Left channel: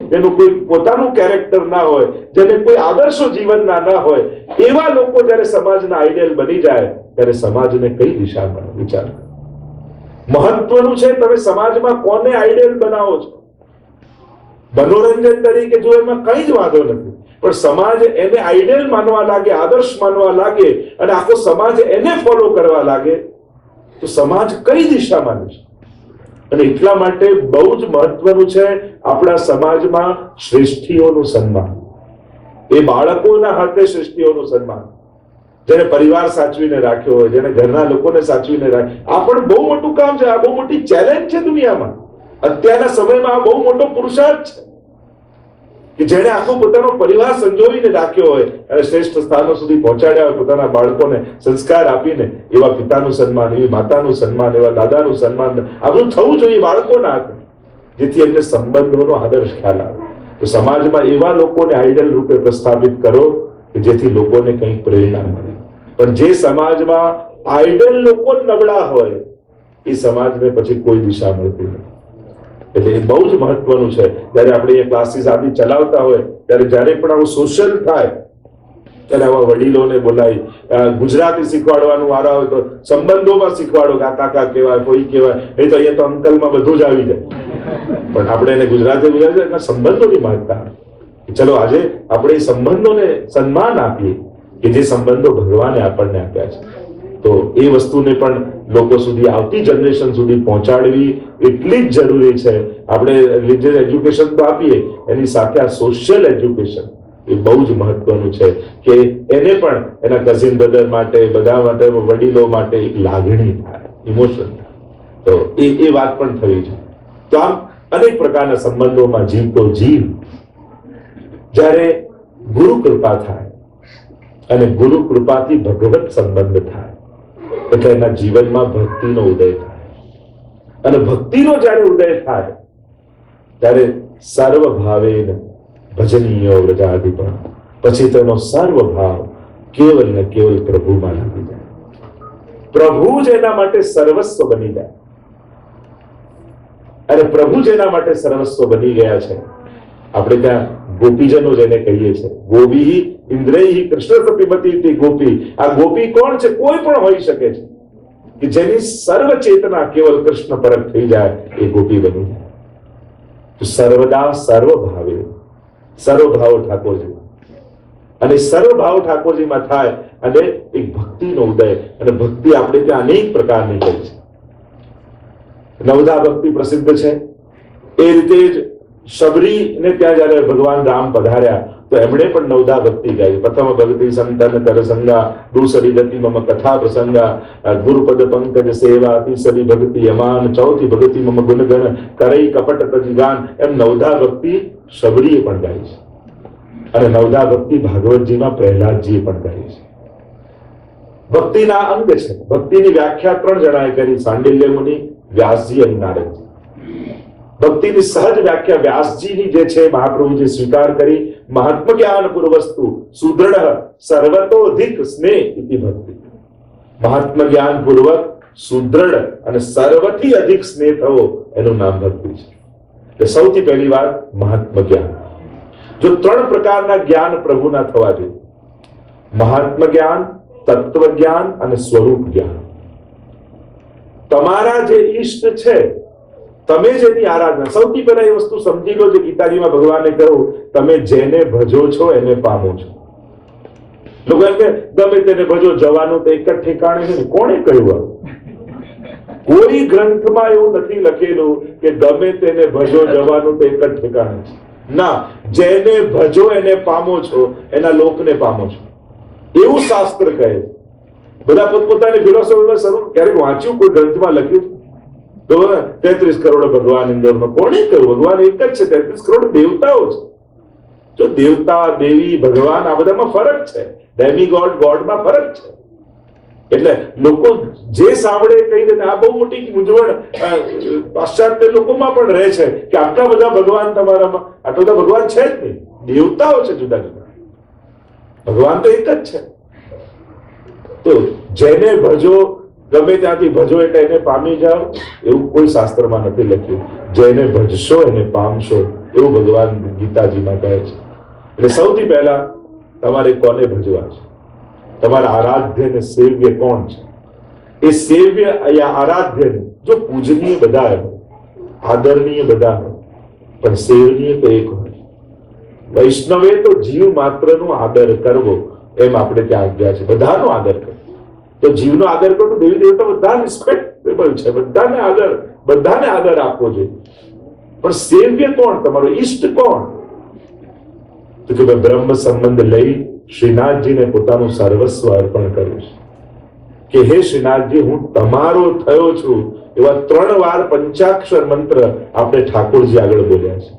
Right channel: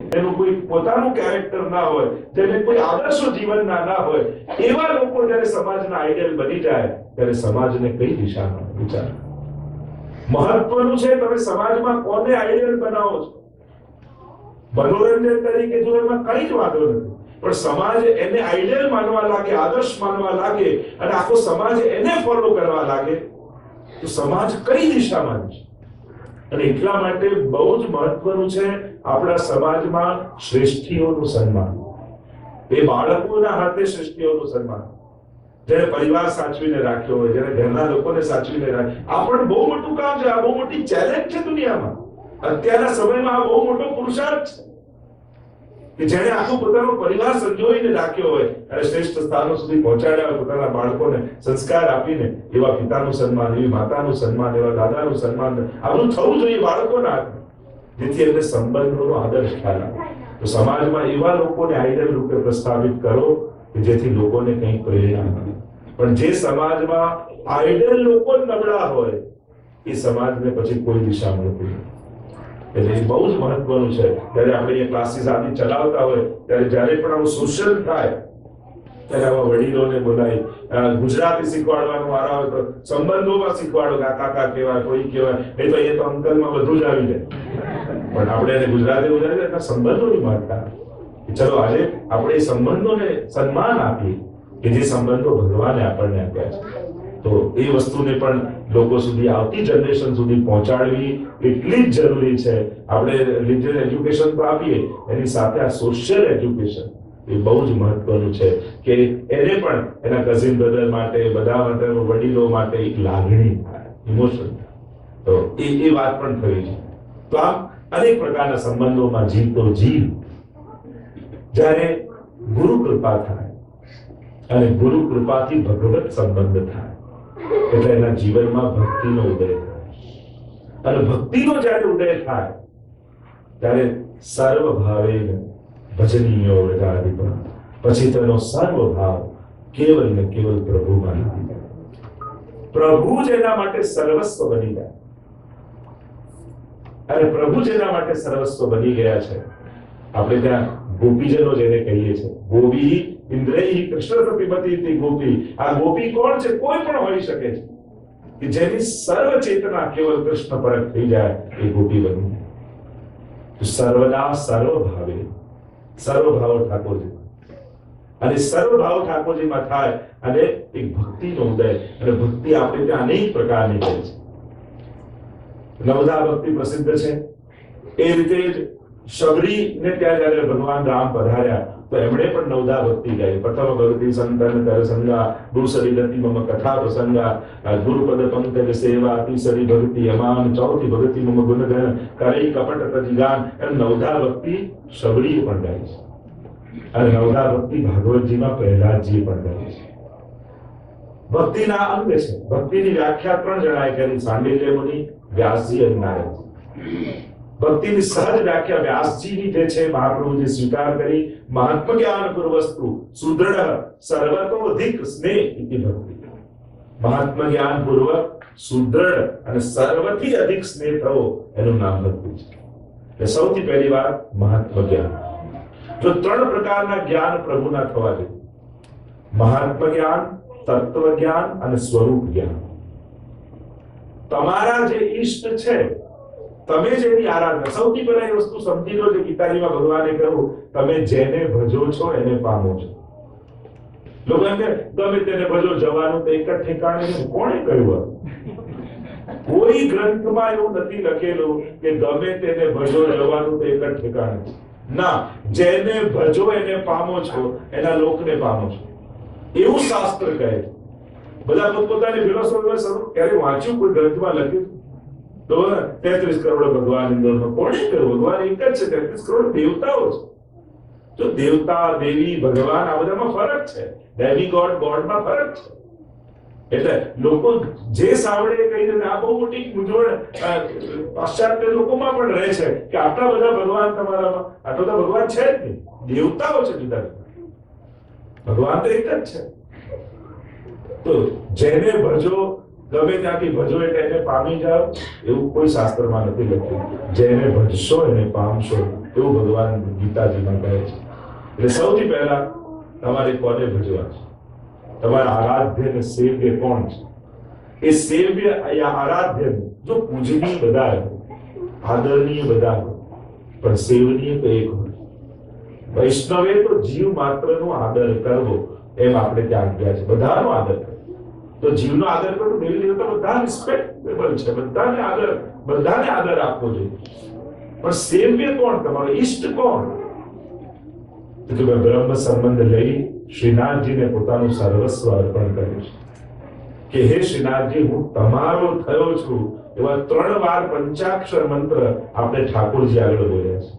જેનું કોઈ પોતાનું કેરેક્ટર ના હોય, જેને કોઈ આદર્શો જીવનના ના હોય, એવા લોકો જ્યારે સમાજના આઈડિયલ બની જાય ત્યારે સમાજને કઈ દિશા મળે? વિચાર. મહત્વનું છે તમે સમાજમાં કોને આઈડિયલ બનાવો છો. મનોરંજન તરીકે જો એમાં કઈ જ વાંધો નથી, પણ સમાજ એને આઈડિયલ માનવા લાગે, આદર્શ માનવા લાગે અને આખો સમાજ એને ફોલો કરવા લાગે તો સમાજ કઈ દિશામાં જશે? અને એટલા માટે બહુ જ મહત્વનું છે આપણા સમાજમાં શ્રેષ્ઠીઓનું સન્માન. એ બાળકોના હાથે શ્રેષ્ઠીઓનું સન્માન, જેને પરિવાર સાચવીને રાખ્યો હોય, જેને ઘરના લોકોને સાચવીને રાખ્યો. આ પણ બહુ મોટું કામ છે, આ બહુ મોટી ચેલેન્જ છે દુનિયામાં. અત્યારના સમયમાં આ બહુ મોટો પુરુષાર્થ છે કે જેને આખો પોતાનો પરિવાર સંજોવીને રાખ્યો હોય અને શ્રેષ્ઠ સ્થાનો સુધી પહોંચાડ્યા હોય, પોતાના બાળકોને સંસ્કાર આપીને. એવા પિતાનું સન્માન, એવી માતાનું સન્માન, એવા દાદાનું સન્માન, આ બધું થવું જોઈએ બાળકોના હાથે, જેથી એમને સંબંધોનો આદર્શ ખ્યાલ આવે. તો સમાજમાં એવા લોકોને આઈડલ રૂપે પ્રસ્થાપિત કરો કે જેથી લોકોને કંઈક પ્રેરણા મળે. પણ જે સમાજમાં આઈડલ લોકો નબળા હોય એ સમાજને પછી કોઈ દિશા મળતી નથી. એટલે એ બહુ જ મહત્વનું છે. જ્યારે આપણે એ ક્લાસીસ આદિ ચલાવતા હોય ત્યારે જ્યારે પણ આવું સોશિયલ થાય ત્યારે આવા વડીલોને બોલાવી ગુજરાતી શીખવાડવાનું વારો હોય તો સંબંધોમાં શીખવાડો કે આ કાકા કહેવાય, કોઈ કહેવાય. એ તો અહીંયા તો અંકલમાં બધું જ આવી જાય, પણ આપણે એને ગુજરાતી એના સંબંધોની માગતા. ચલો આજે આપણે એ સંબંધોને સન્માન આપીએ કે જે સંબંધો ભગવાને આપણને આપ્યા છે. તો એ વસ્તુને પણ લોકો સુધી, આવતી જનરેશન સુધી પહોંચાડવી એટલી જ જરૂરી છે. આપણે રિલિજિયસ એજ્યુકેશન તો આપીએ, એની સાથે આ સોશિયલ એજ્યુકેશન એ બહુ જ મહત્વનું છે કે એને પણ એના કઝિન બ્રધર માટે, બધા માટે, વડીલો માટે એક લાગણી થાય, ઇમોશન થાય. તો એ વાત પણ થવી છે. તો આમ અનેક પ્રકારના સંબંધોમાં જીવતો જીવ જ્યારે ગુરુ કૃપા થાય અને ગુરુ કૃપાથી ભગવત સંબંધ થાય એટલે એના જીવનમાં ભક્તિનો ઉદય થાય. અને ભક્તિનો જ્યારે ઉદય થાય ત્યારે સર્વ ભાવેન ભજનીયો વ્રજાધિપા, પછી તેનો સર્વ ભાવ કેવલ ને કેવલ પ્રભુમાં લાગી જાય. પ્રભુ જ એના માટે સર્વસ્વ બની જાય. અને પ્રભુ જ એના માટે સર્વસ્વ બની ગયા છે. આપણે ત્યાં ગોપીજનો જેને કહીએ છીએ, ગોપી ઇન્દ્રૈહિ કૃષ્ણ પ્રતિપતિ ગોપી. આ ગોપી કોણ છે? કોઈ પણ હોઈ શકે છે કે જેની સર્વ ચેતના કેવલ કૃષ્ણ પરત થઈ જાય, એ ગોપી બની જાય. તો સર્વદા સર્વ ભાવે, સર્વ ભાવ ઠાકોરજીમાં, અને સર્વ ભાવ ઠાકોરજીમાં થાય અને એક ભક્તિનો ઉદય. અને ભક્તિ આપણે ત્યાં અનેક પ્રકારની કરી છે. નવધા ભક્તિ પ્રસિદ્ધ છે. એ રીતે જ શબરીને ત્યાં જયારે ભગવાન રામ પધાર્યા તો એમણે પણ નવધા ભક્તિ ગાઈ. પ્રથમ ભક્તિ સંતન કર સંગા, દુસરી ગતિ મમ કથા પ્રસંગા, ગુરુપદ પંકજ સેવા, તીસરી ભક્તિ અમાન, ચોથી ભક્તિ મમ ગુણગણ, કરઈ કપટ તજગાન. એમ નવધા ભક્તિ શબરીએ પણ ગાઈ છે. અને નવધા ભક્તિ ભાગવતજીમાં પ્રહલાદજીએ પણ ગાઈ છે. ભક્તિના અંગ છે. ભક્તિની વ્યાખ્યા 3 જણાએ કરી, સાંડિલ્ય મુનિ, વ્યાસજી અને નારદજી. ભક્તિની સહજ વ્યાખ્યા વ્યાસજીની જે છે મહાપ્રભુજી સ્વીકાર કરી. મહાત્મ જ્ઞાન પૂર્વસ્તુ સુદૃઢ સર્વતોધિક સ્નેહ ઇતિ ભક્તિ. મહાત્મ જ્ઞાન પૂર્વક સુદૃઢ અને સર્વથી અધિક સ્નેહ થવો એનું નામ ભક્તિ છે. એટલે સૌથી પહેલી વાત મહાત્મ જ્ઞાન. જો 3 પ્રકારના જ્ઞાન પ્રભુના થવા જોઈએ: મહાત્મ જ્ઞાન, તત્વ જ્ઞાન અને સ્વરૂપ જ્ઞાન. તમારા જે ઈષ્ટ છે, તમે જેની આરાધના, સૌથી પહેલા એ વસ્તુ સમજી લો જે ગીતાજીમાં ભગવાને કહ્યું, તમે જેને ભજો છો એને પામો છો. લોકો એમ કે ગમે તેને ભજો, જવાનું તો એક જ ઠેકાણે નથી. કોણે કહ્યું? કોઈ ગ્રંથમાં એવું નથી લખેલું કે ગમે તેને ભજો, જવાનું તો એક જ ઠેકાણે છે. ના, જેને ભજો એને પામો છો, એના લોકને પામો છો, એવું શાસ્ત્ર કહે. બધા પોતપોતાની ફિલોસોફીમાં શરૂ ક્યારેક વાંચ્યું કોઈ ગ્રંથમાં લખ્યું? 33 કરોડ ભગવાન અંદરનો કોણે કહ્યું? ભગવાન એક જ છે. 33 કરોડ દેવતાઓ છે. જો દેવતા, દેવી, ભગવાન આ બધામાં ફરક છે. ડેમી ગોડ, ગોડમાં ફરક છે. એટલે લોકો જે સાંભળે કહી દે. આ બહુ મોટી મૂંઝવણ પાશ્ચાત્ય લોકોમાં પણ રહે છે કે આટલા બધા ભગવાન તમારામાં, આટલા બધા ભગવાન છે જ નહીં, દેવતાઓ છે જુદા જુદા, ભગવાન તો એક જ છે. તો જેને ભજો ગમે ત્યાંથી ભજો એટલે એને પામી જાઓ, એવું કોઈ શાસ્ત્રમાં નથી લખ્યું. જેને ભજશો એને પામશો, એવું ભગવાન ગીતાજીમાં કહે છે. એટલે સૌથી પહેલા તમારે કોને ભજવા છે? તમારા આરાધ્ય ને સેવ્ય કોણ છે? એ સેવ્ય या આરાધ્ય જો પૂજનીય બધા હોય, આદરણીય બધા હોય, પણ સેવનીય તો એક હોય. વૈષ્ણવે તો જીવ માત્રનો આદર કરવો, એમ આપણે ત્યાં આજ્ઞા છે. બધાનો આદર કરવો. તો જીવનો આદર કરો તો દેવી દેવતા બધા રિસ્પેક્ટેબલ છે, બધાને આદર આપવો જોઈએ. પણ સેવ્ય કોણ? તમારો ઈષ્ટ કોણ? તો કે બ્રહ્મ સંબંધ લઈ શ્રીનાથજીને પોતાનું સર્વસ્વ અર્પણ કર્યું છે કે હે શ્રીનાથજી, હું તમારો થયો છું. એવા 3 વાર પંચાક્ષર મંત્ર આપણે ઠાકોરજી આગળ બોલ્યા છે.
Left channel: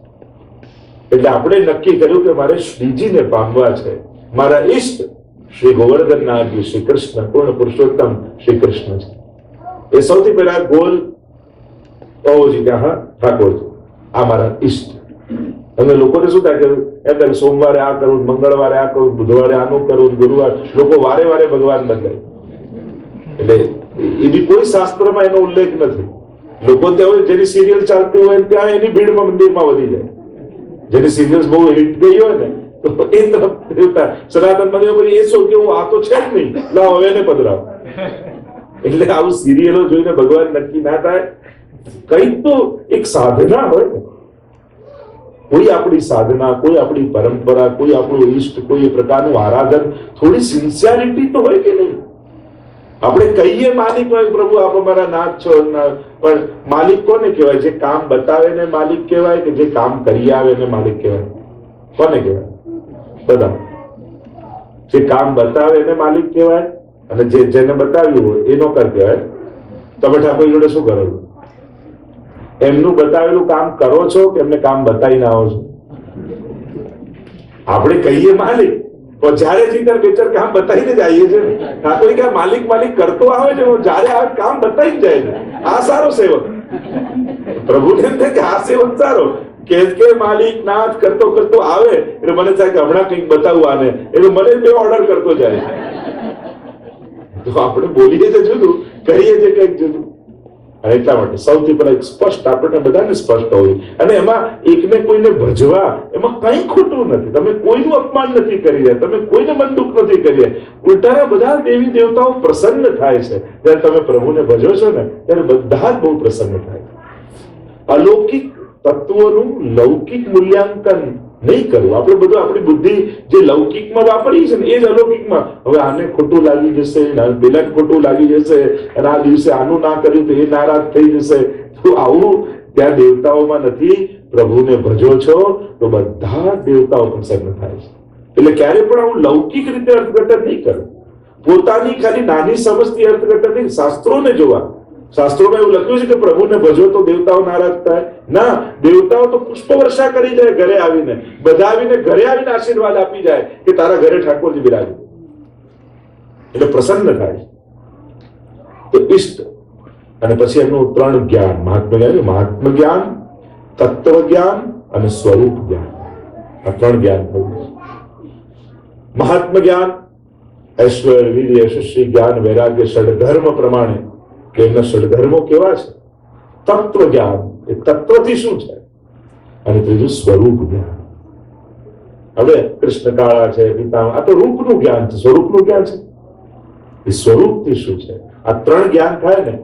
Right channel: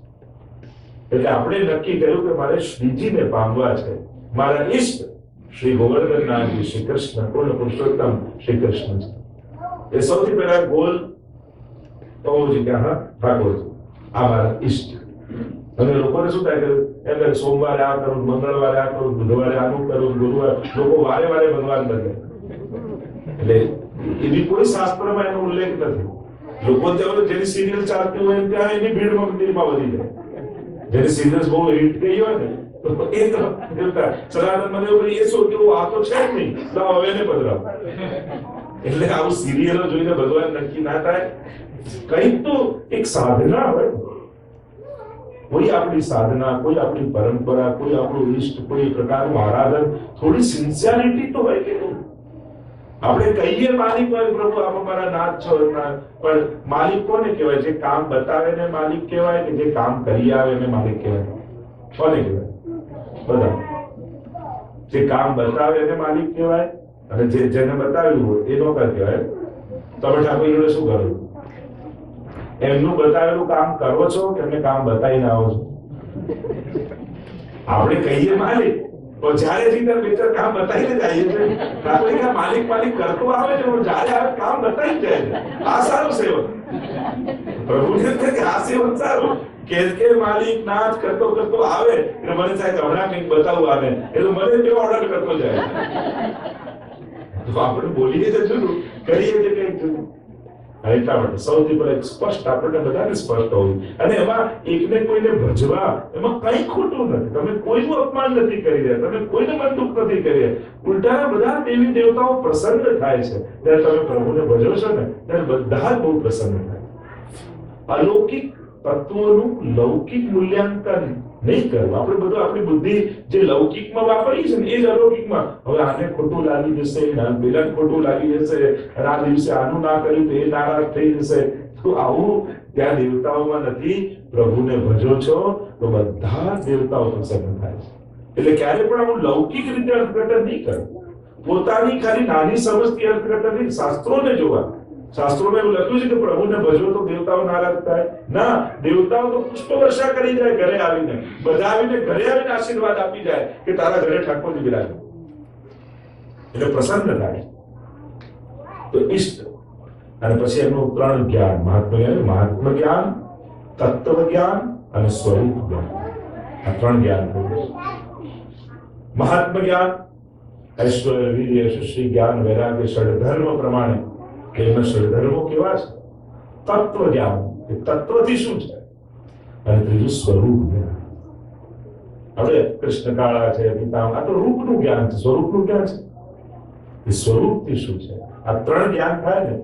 એટલે આપણે નક્કી કર્યું કે મારે શ્રીજીને પામવા છે. મારા ઈષ્ટ શ્રી ગોવર્ધનનાથજી, શ્રી કૃષ્ણ, પૂર્ણ પુરુષોત્તમ શ્રી કૃષ્ણ છે. એ સૌથી પહેલા ગોલ હોવો જોઈએ કે હા ઠાકોરજી આ મારા ઈષ્ટ. અને લોકોને શું થાય કે એમ સોમવારે આ કરું, મંગળવારે આ કરું, બુધવારે આનું કરું, ગુરુવાર લોકો વારે વારે ભગવાન બદલે. એટલે એની કોઈ શાસ્ત્રમાં એનો ઉલ્લેખ નથી. લોકો ત્યાં જેની સિરિયલ ચાલતી હોય ત્યાં એની ભીડમાં મંદિરમાં વધી જાય. જેની સિરિયલ્સ બહુ હિટ ગઈ હોય ને તો એ તરફ સનાતન મંદિર એ શું કેવું આ તો છે જ નહીં, લાવ હવે ને પધરાવ. એટલે આવું સિરિયલો જોઈને ભગવાન નક્કી ના થાય. કઈ તો એક સાધના હોય, કોઈ આપણી સાધના, કોઈ આપણી પરંપરા, કોઈ આપણું ઈષ્ટ, કોઈ પ્રકારનું આરાધન, થોડી સિન્સિયરિટી તો હોય કે નહીં? આપણે કહીએ માલિક હોય પ્રભુ આપ અમારા નાથ છો, પણ માલિક કોને કહેવાય? જે કામ બતાવે ને માલિક કહેવાય કે જે કામ કરી આવે ને માલિક કહેવાય? કોને કહેવાય? બધા જે કામ બતાવે એને માલિક કહેવાય, અને જેને બતાવ્યું હોય એ નોકર કહેવાય. તમે ઠાકોર જોડે શું કરો? એમનું બતાવેલું કામ કરો છો કે એમને કામ બતાવીને આવો છો? આપણે કહીએ માલિક, તો જયારે જઈને 2-4 કામ બતાવીને જ આવીએ છીએ. ઠાકોર કે માલિક માલિક કરતો આવે છે, જયારે આવે કામ બતાવી જાય છે. આ સારો સેવક. પ્રભુને એમ થાય કે આ સેવક સારો કે માલિક નાથ કરતો કરતો આવે એટલે મને થાય કે હમણાં કંઈક બતાવું આને, એટલે મને બે ઓર્ડર કરતો જાય. તો આપણે બોલીએ તો જુદું, કરીએ છે કંઈક જુદું. અને એટલા માટે સૌથી પહેલા એક સ્પષ્ટ, આપણને બધાને સ્પષ્ટ હોવું. અને એમાં એકને કોઈને ભજવા એમાં કંઈ ખોટું નથી. તમે કોઈનું અપમાન નથી કરી રહ્યા, તમે કોઈને મન દુઃખ નથી કરી રહ્યા. ઉલટાના બધા દેવી દેવતાઓ પ્રસન્ન થાય છે જ્યારે તમે પ્રભુને ભજો છો ને, ત્યારે બધા જ બહુ પ્રસન્ન થાય. અલૌકિક તત્વોનું લૌકિક મૂલ્યાંકન નહીં કરવું. આપણે બધું આપણી બુદ્ધિ જે લૌકિકમાં વાપરી છે ને એ જ અલૌકિકમાં. હવે આને ખોટું લાગી જશે, પેલાને ખોટું લાગી જશે, અને આ દિવસે આનું ના કર્યું તો એ નારાજ થઈ જશે. તો આવું ત્યાં દેવતાઓમાં નથી. પ્રભુને ભજો છો તો બધા દેવતાઓ પ્રસન્ન થાય છે. એટલે ક્યારે પણ આવું લૌકિક રીતે અર્થઘટન નહીં કરવું. પોતાની ખાલી નાની સમજથી અર્થઘટન નહીં. શાસ્ત્રોને જોવા. શાસ્ત્રોમાં એવું લખ્યું છે કે પ્રભુને ભજો તો દેવતાઓ નારાજ થાય? ના, દેવતાઓ તો પુષ્પ વર્ષા કરી જાય ઘરે આવીને. બધા આવીને ઘરે આવીને આશીર્વાદ આપી જાય કે તારા ઘરે ઠાકોરજી બિરાજે. એટલે પ્રસન્ન થાય. તો ઈષ્ટ. અને પછી એમનું 3 જ્ઞાન, મહાત્મ જ્ઞાન, તત્વ જ્ઞાન અને સ્વરૂપ જ્ઞાન. આ 3 જ્ઞાન થયું. મહાત્મ જ્ઞાન ઐશ્વર્ય, વીર્ય, શિષ્ય, જ્ઞાન, વૈરાગ્ય, ષડધર્મ પ્રમાણે કે એમના ષડધર્મો કેવા છે. તત્વ જ્ઞાન એ તત્વથી શું છે. અને ત્રીજું સ્વરૂપ જ્ઞાન. હવે કૃષ્ણ કાળા છે, પિતામહ, આ તો રૂપનું જ્ઞાન છે. સ્વરૂપનું જ્ઞાન છે એ સ્વરૂપથી શું છે. આ 3 જ્ઞાન થાય ને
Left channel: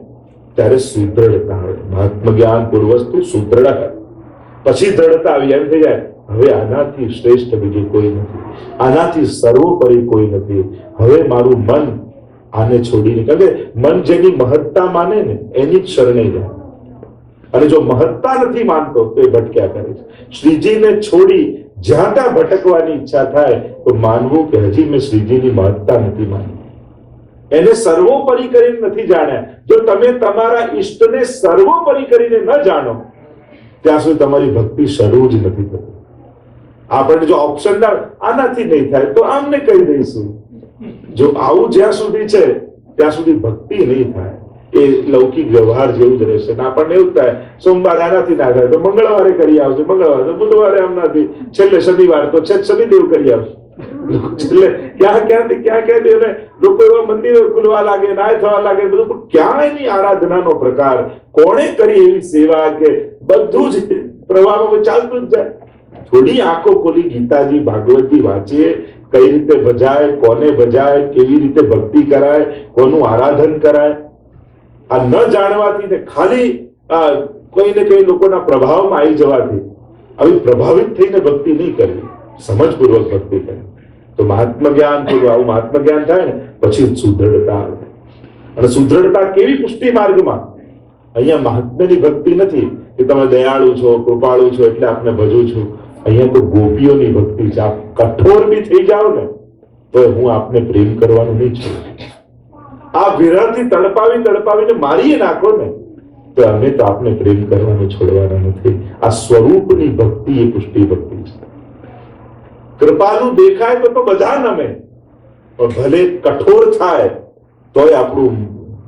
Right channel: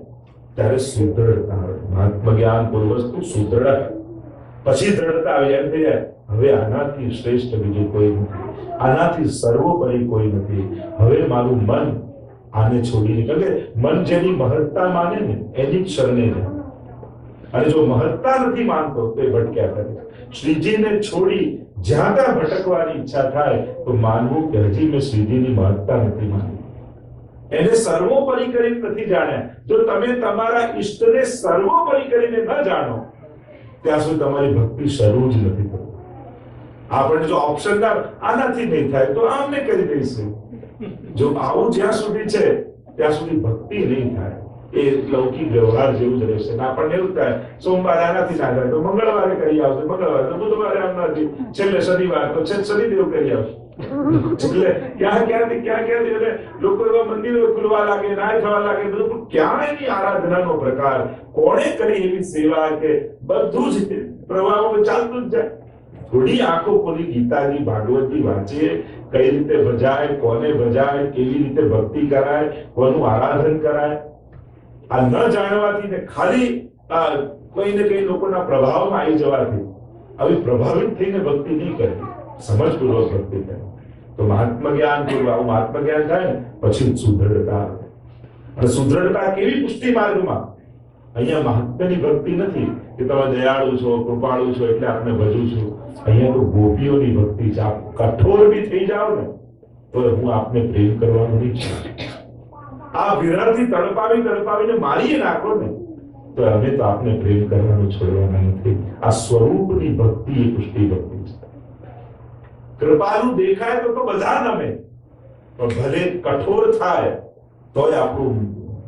ત્યારે સુદૃઢતા હોય. મહાત્મ જ્ઞાન પૂર્વસ્તુ સુદૃઢ, પછી દ્રઢતા આવી. એમ થઈ જાય હવે આનાથી શ્રેષ્ઠ બીજું કોઈ નથી, આનાથી સર્વોપરી કોઈ નથી. હવે મારું મન આને છોડીને, કારણ કે મન જેની મહત્તા માને ને એની જ શરણે જાય. અને જો મહત્તા નથી માનતો તો એ ભટક્યા કરે છે. શ્રીજીને છોડી જ્યાં ત્યાં ભટકવાની ઈચ્છા થાય તો માનવું કે હજી મેં શ્રીજીની મહત્તા નથી માની. એને સર્વોપરી કરીને નથી જાણ્યા. જો તમે તમારા ઈષ્ટને સર્વોપરી કરીને ન જાણો ત્યાં સુધી તમારી ભક્તિ શરૂ જ નથી થતી. આપણે જો ઓપ્શન આનાથી નહીં થાય તો આમને કહી દઈશું. જો આવું જ્યાં સુધી છે ત્યાં સુધી ભક્તિ નહીં થાય. એ લૌકિક વ્યવહાર જેવું જ રહેશે. આપણને એવું થાય સોમવારે આનાથી ના થાય તો મંગળવારે કરી આવશે, મંગળવારે બુધવારે આમ નથી, છેલ્લે શનિવાર તો શનિદેવ કરી આવશે. છેલ્લે ક્યાંથી અને લોકો એવા મંદિરો ખુલવા લાગે, નાય થવા લાગે, બધું. પણ ક્યાં એની આરાધનાનો પ્રકાર, કોણે કરી એવી સેવા કે બધું જ પ્રવાહમાં ચાલતું જ જાય. થોડી આંખો ખોલી ગીતાજી ભાગવતી વાંચીએ, કઈ રીતે ભજાય, કોને ભજાય, કેવી રીતે ભક્તિ કરાય, કોનું આરાધન કરાય. આ ન જાણવાથી ને ખાલી કોઈ ને કઈ લોકોના પ્રભાવમાં આવી જવાથી આવી પ્રભાવિત થઈને ભક્તિ નહીં કરવી, સમજપૂર્વક ભક્તિ કરવી. તો મહાત્મ જ્ઞાન આવું મહાત્મ જ્ઞાન થાય ને પછી સુદૃઢતા આવે. અને સુદૃઢતા કેવી? પુષ્ટિ માર્ગમાં. અહીંયા મહાત્મ્યની ભક્તિ નથી કે તમે દયાળુ છો, કૃપાળુ છો એટલે આપને ભજું છું. અહીંયા તો ગોપીઓની ભક્તિ છે. આપ કઠોર બી થઈ જાઓ ને તો હું આપને પ્રેમ કરવાનું નહીં છું. આ વિરહથી તડપાવીને મારીએ નાખો ને તો અમે તો આપને પ્રેમ કરવાનું છોડવાના નથી. આ સ્વરૂપની ભક્તિ એ પુષ્ટિ ભક્તિ છે. કૃપાલુ દેખાય તો બધા નમે, પણ ભલે કઠોર થાય તોય આપણું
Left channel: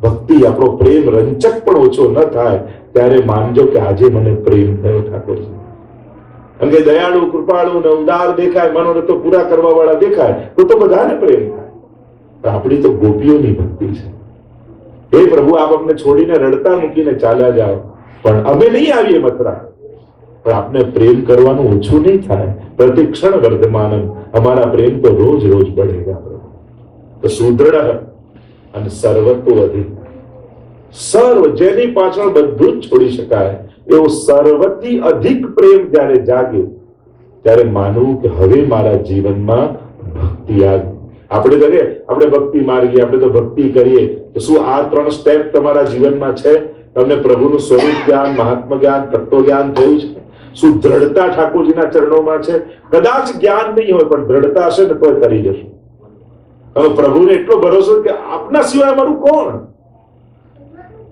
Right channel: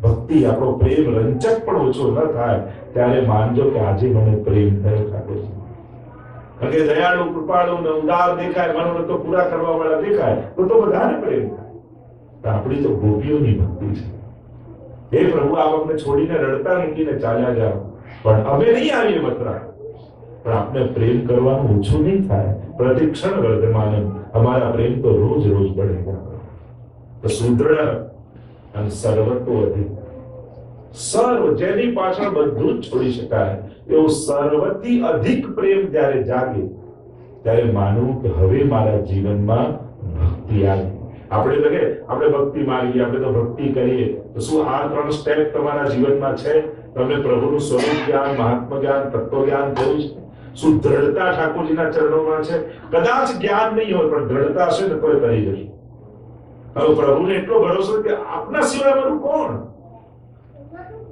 ભક્તિ, આપણો પ્રેમ રંચક પણ ઓછો ન થાય ત્યારે માનજો કે આજે મને પ્રેમ થયો ઠાકોરજી. કારણ કે દયાળુ, કૃપાળુ ને ઉદાર દેખાય, મનોરથો પૂરા કરવા વાળા દેખાય તો બધાને પ્રેમ થાય. પણ આપણી તો ગોપીઓની ભક્તિ છે. હે પ્રભુ, આપ અમને છોડીને રડતા મૂકીને ચાલ્યા જાઓ, પણ અમે નહીં આવીએ મથુરા, પણ આપને પ્રેમ કરવાનું ઓછું નહીં થાય. પ્રતિક્ષણ વર્ધમાન, અમારા પ્રેમ તો રોજ રોજ बढ़ेगा. તો સુદૃઢ અને સર્વતો અધિક, સર્વ જેની પાછળ બધું જ છોડી શકાય એવો સર્વથી અધિક પ્રેમ જ્યારે જાગે ત્યારે માનવું કે હવે મારા જીવનમાં ભક્તિ આવી. આપણે ભક્તિ માર્ગીએ, આપણે તો ભક્તિ કરીએ, તો શું આ 3 સ્ટેપ તમારા જીવનમાં છે? તમને પ્રભુનું સ્વરૂપ જ્ઞાન, મહાત્મ જ્ઞાન, તત્વ જ્ઞાન થયું છે? શું દ્રઢતા ઠાકોરજીના ચરણોમાં છે? કદાચ જ્ઞાન નહીં હોય પણ દ્રઢતા હશે ને તો તરી જશે. હવે પ્રભુને એટલો ભરોસો કે આપના સિવાય મારું કોણ?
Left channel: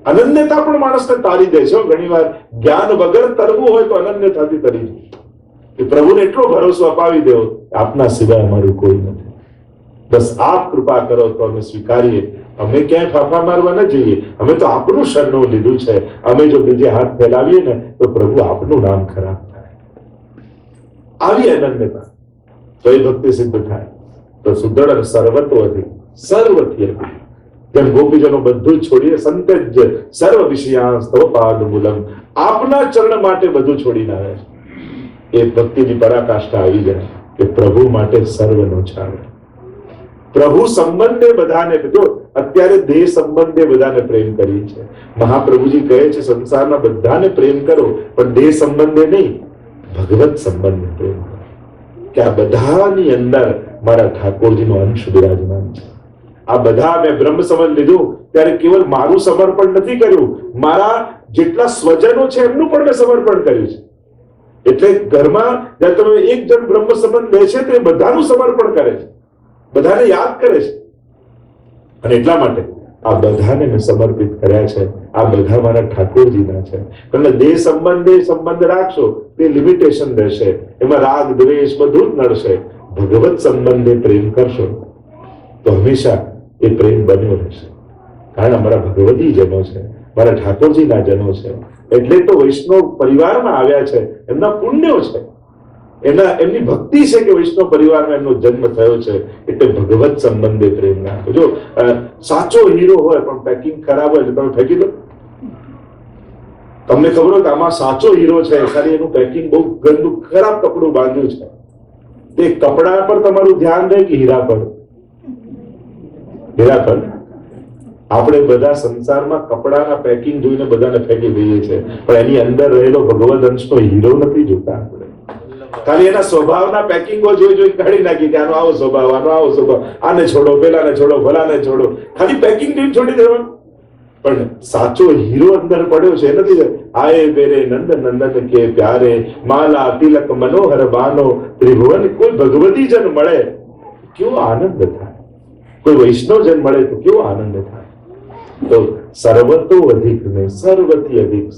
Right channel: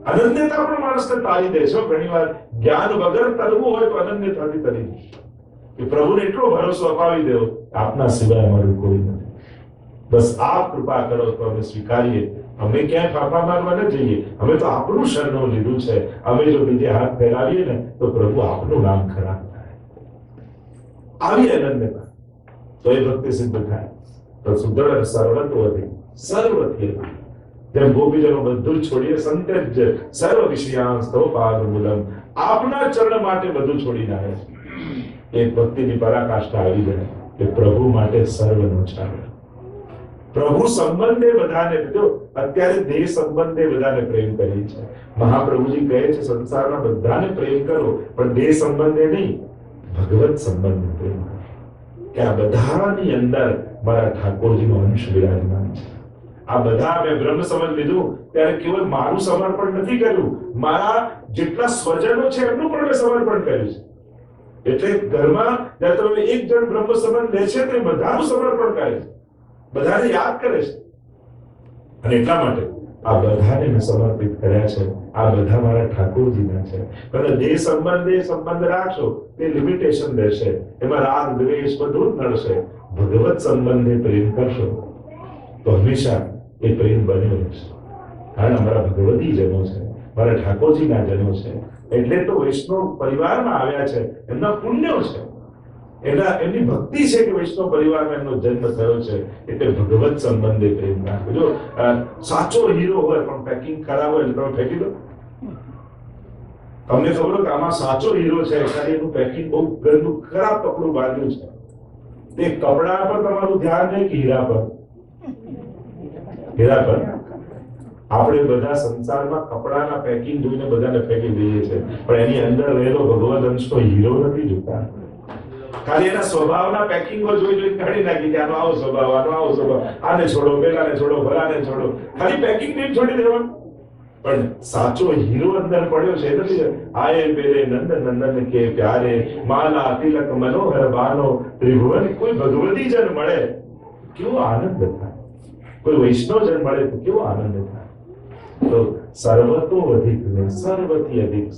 અનન્યતા પણ માણસને તારી દે છે. ઘણી વાર જ્ઞાન વગર તરવું હોય તો અનન્યતાથી તરી જાય. પ્રભુને એટલો ભરોસો અપાવી દેવો, આપના સિવાય અમારું કોઈ નથી, બસ આપ કૃપા કરો તો અમે સ્વીકારીએ. અમે ક્યાંય ફાફા મારવા ન જઈએ, અમે તો આપનું શરણું લીધું છે. અમે જો બીજે હાથ ફેલાવીએ ને તો પ્રભુ આપનું નામ ખરાબ થાય. આવી અનન્યતા તો એ ભક્તિ સિદ્ધ થાય. તો સુદૃઢ સર્વતો અધિક, સર્વથી અધિક. જેમ ગોપીજનો બધું જ છોડીને સંતજ સર્વ વિષયાસ્તવ પાદમૂલમ, આપના ચરણ માટે બધું છોડીને આવ્યા છે. એ ભક્તિની પરાકાષ્ઠા આવી જાય કે પ્રભુ માટે સર્વનો છાડ. પ્રભુ સંબંધે બધાને, જો અત્યારે દેહ સંબંધે બધાને પ્રેમ કરીએ છે. મહાપ્રભુજી કહે છે સંસારના બધાને પ્રેમ કરો પણ દેહ સંબંધે નહીં, ભગવત સંબંધે પ્રેમ કરો. કે આ બધાની અંદર મારા ઠાકોરજીનો અંશ બિરાજમાન છે. આ બધા મેં બ્રહ્મ સમજ લીધું ત્યારે કેવલ મારું સમર્પણ નથી કર્યું, મારા જેટલા સ્વજનો છે એમનું પણ મેં સમર્પણ કર્યું છે. એટલે ઘરમાં જ્યારે તમે એક જણ બ્રહ્મ સંબંધ લે છે તો એ બધાનું સમર્પણ કરે છે, બધાને યાદ કરે છે. અને એટલા માટે આ બધાને મેં સમર્પિત કર્યા છે. આ બધા મારા ઠાકોરજીના છે. કારણ દેહ સંબંધે સંબંધ રાખશો તે લિમિટેશન રહેશે, એમાં રાગ દ્વેષ બધું જ નડશે. ભગવત સંબંધે પ્રેમ કરશો તો હંમેશા એ પ્રેમ બન્યો રહેશે. કારણ અમારા ભગવતી જનો છે, મારા ઠાકોરજીના જનો છે. એટલે તો વૈષ્ણવ પરિવારમાં આવ્યા છે, એમના પુણ્યો છે, એમની ભક્તિ છે કે વૈષ્ણવ પરિવારમાં એમનો જન્મ થયો છે. એટલે ભગવત સંબંધે પ્રેમ રાખો. જો સાચો હીરો હોય પણ પેકિંગ ખરાબ હોય એટલે તમે ફેંકી દો. તમને ખબર હોય કે આમાં સાચો હીરો છે, ખાલી એનું પેકિંગ બહુ ગંદુ ખરાબ કપડું બાંધ્યું છે, તે કપડા પર તમારું ધ્યાન રહે કે હીરા પર? હીરા પર. આપણે બધા સંસારમાં કપડાના પેકિંગ જોઈને બધાને ફેંકી દઈએ છીએ, પણ એની અંદર રહેલો ભગવદ અંશનો હીરો નથી જોતા. ખાલી એના સ્વભાવના પેકિંગો જોઈ કાઢી નાખી કે આનો આવો સ્વભાવ, આનો આવો સ્વભાવ, આને છોડો, પેલાને છોડો, ભલાને છોડો, ખાલી પેકિંગ જોઈને છોડી દેવાનું. પણ સાચો હીરો અંદર પડ્યો છે નથી. આયે મેરે નંદ નંદન કે પ્યારે, માલા તિલક મનોહર બાનો, ત્રિભુવન. કોઈ ભગવતી જન મળે કેવો આનંદ થાય, કોઈ વૈષ્ણવ જન મળે તો કેવો આનંદ થાય. તો સર્વતો અધિક ને સર્વથી અધિક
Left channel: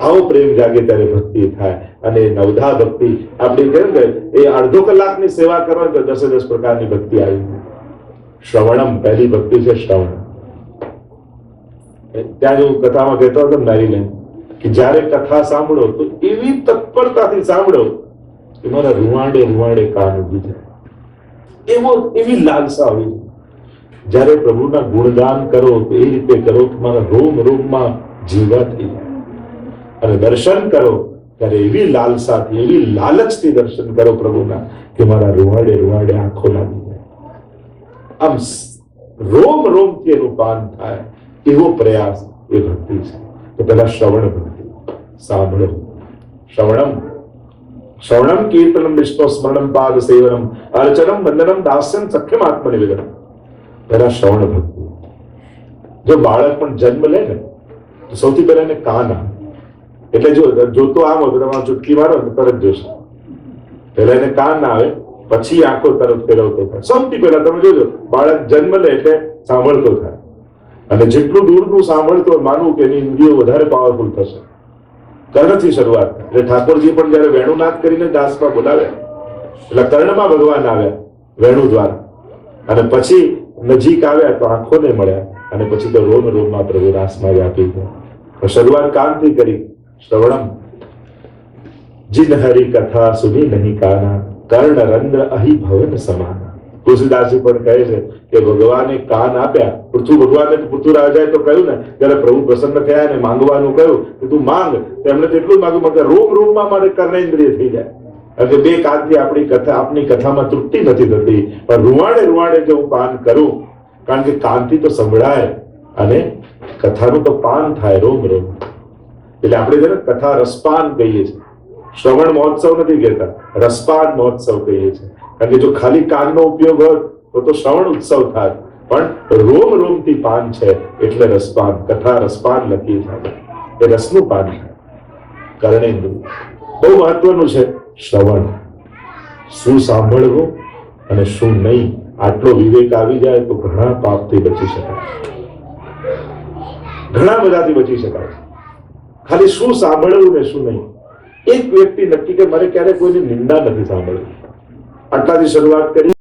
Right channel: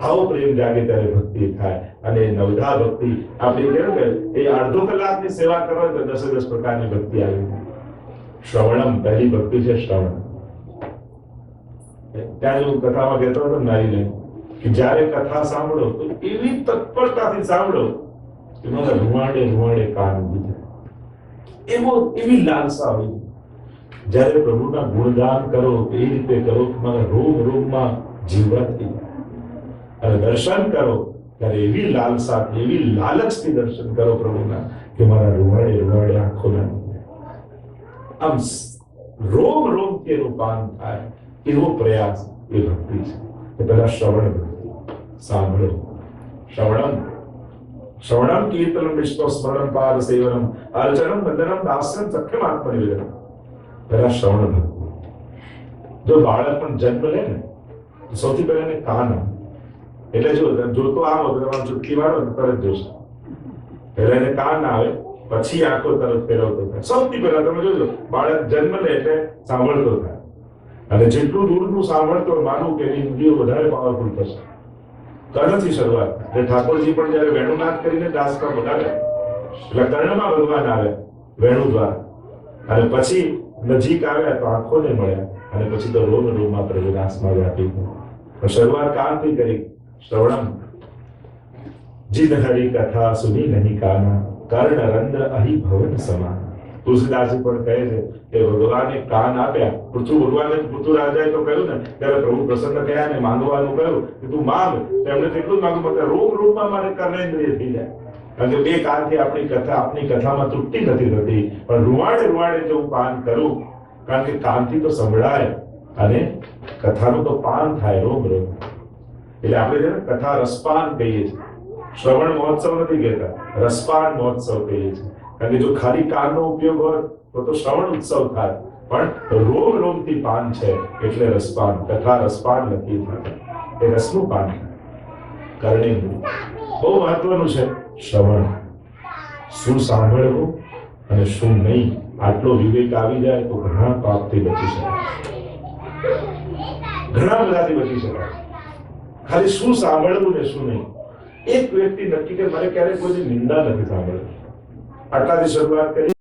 આવો પ્રેમ જાગે ત્યારે ભક્તિ થાય. અને નવધા ભક્તિ આપણે કહ્યું કે એ અડધો કલાકની સેવા કરવા તો 10 પ્રકારની ભક્તિ આવી. શ્રવણમ પહેલી ભક્તિ છે, શ્રવણ. ત્યાં હું કથામાં કહેતો હતો નારીને કે જ્યારે કથા સાંભળો તો એવી તત્પરતાથી સાંભળો કે મારા રૂવાડે રૂવાડે કાન ઉભી જાય. એવી લાલસા આવી. જ્યારે પ્રભુના ગુણગાન કરો તો એ રીતે કરો કે મારા રોમ રોમમાં જીવા થઈ જાય. અને દર્શન કરો ત્યારે એવી લાલસાથી, એવી લાલચથી દર્શન કરો પ્રભુના કે મારા રૂવાડે રૂવાડે આંખો લાગી જાય. આમ રોમ રોમથી એનું પાન થાય એવો પ્રયાસ એ ભક્તિ છે. કે પેલા શ્રવણ ભક્તિ, સાંભળો. શ્રવણમ કીર્તનમ વિષ્ણુ સ્મરણમ પાદ સેવનમ અર્ચનમ વંદનમ દાસ્યમ સખ્યમ આત્મનિવેદનમ. પહેલા શ્રવણ ભક્તિ. જો બાળક પણ જન્મ લે ને તો સૌથી પહેલા એને કાન આવે. એટલે જોતો આમ હતો તમારો ચૂટકી મારો ને તરત જોશે. પહેલા એને કાન આવે, પછી આંખો તરત ફેરવતો થાય. સૌથી પહેલા તમે જોજો બાળક જન્મ લે એટલે સાંભળતો થાય. અને જેટલું દૂરનું સાંભળતો માનવું કે એની ઇન્દ્રિયો વધારે પાવરફુલ થશે. કર્ણથી શરૂઆત. એટલે ઠાકોરજી પણ જયારે વેણુનાદ કરીને દાસમાં બોલાવ્યા એટલે કર્ણમાં ભગવાન આવ્યા વેણુ દ્વારા. અને પછી નજીક આવ્યા તો આંખોને મળ્યા. અને પછી તો રોમ રોમમાં પ્રભુ રાસમાં વ્યાપી ગયા. શરૂઆત કાનથી કરી. શ્રવણમ જીન હરી કથા સુની નહીં કાના કર્ણ રંદ્ર અહી ભવન સમાન. તુલસીદાસજી પણ કહે છે કે ભગવાને કાન આપ્યા. ભગવાને પૃથ્વી રાજાએ તો કહ્યું ને ત્યારે પ્રભુ પ્રસન્ન થયા ને માંગવાનું કહ્યું કે તું માંગ. તેમણે તેટલું માંગ્યું મતલબ રોમ રોમમાં મારે કર્ણેન્દ્રિય થઈ જાય. કારણ કે બે કાનથી આપણી કથામાં તૃપ્તિ નથી થતી. પણ રૂવાડે રૂવાડે જો હું પાન કરું, કારણ કે કાનથી તો સંભળાય અને કથાનું તો પાન થાય રોમ રોમ. એટલે આપણે જેને કથા રસપાન કહીએ છીએ. શ્રવણ મહોત્સવ નથી કહેતા, રસપાન મહોત્સવ કહીએ છીએ. કારણ કે જો ખાલી કાનનો ઉપયોગ હોય તો શ્રવણ ઉત્સવ થાય. પણ રોમ રોમથી પાન છે એટલે રસપાન. કથા રસપાન લખી છે એ રસનું પાન થાય. કર્ણેન્દ્રિય બહુ મહત્વનું છે. શ્રવણ, શું સાંભળવું અને શું નહીં, આટલો વિવેક આવી જાય તો ઘણા પાપથી બચી શકાય. ઘણા બધાથી બચી શકાય. ખાલી શું સાંભળવું ને શું નહીં. એક વ્યક્તિ નક્કી કે મારે ક્યારે કોઈની નિંદા નથી સાંભળવી. આટલાથી શરૂઆત કરી.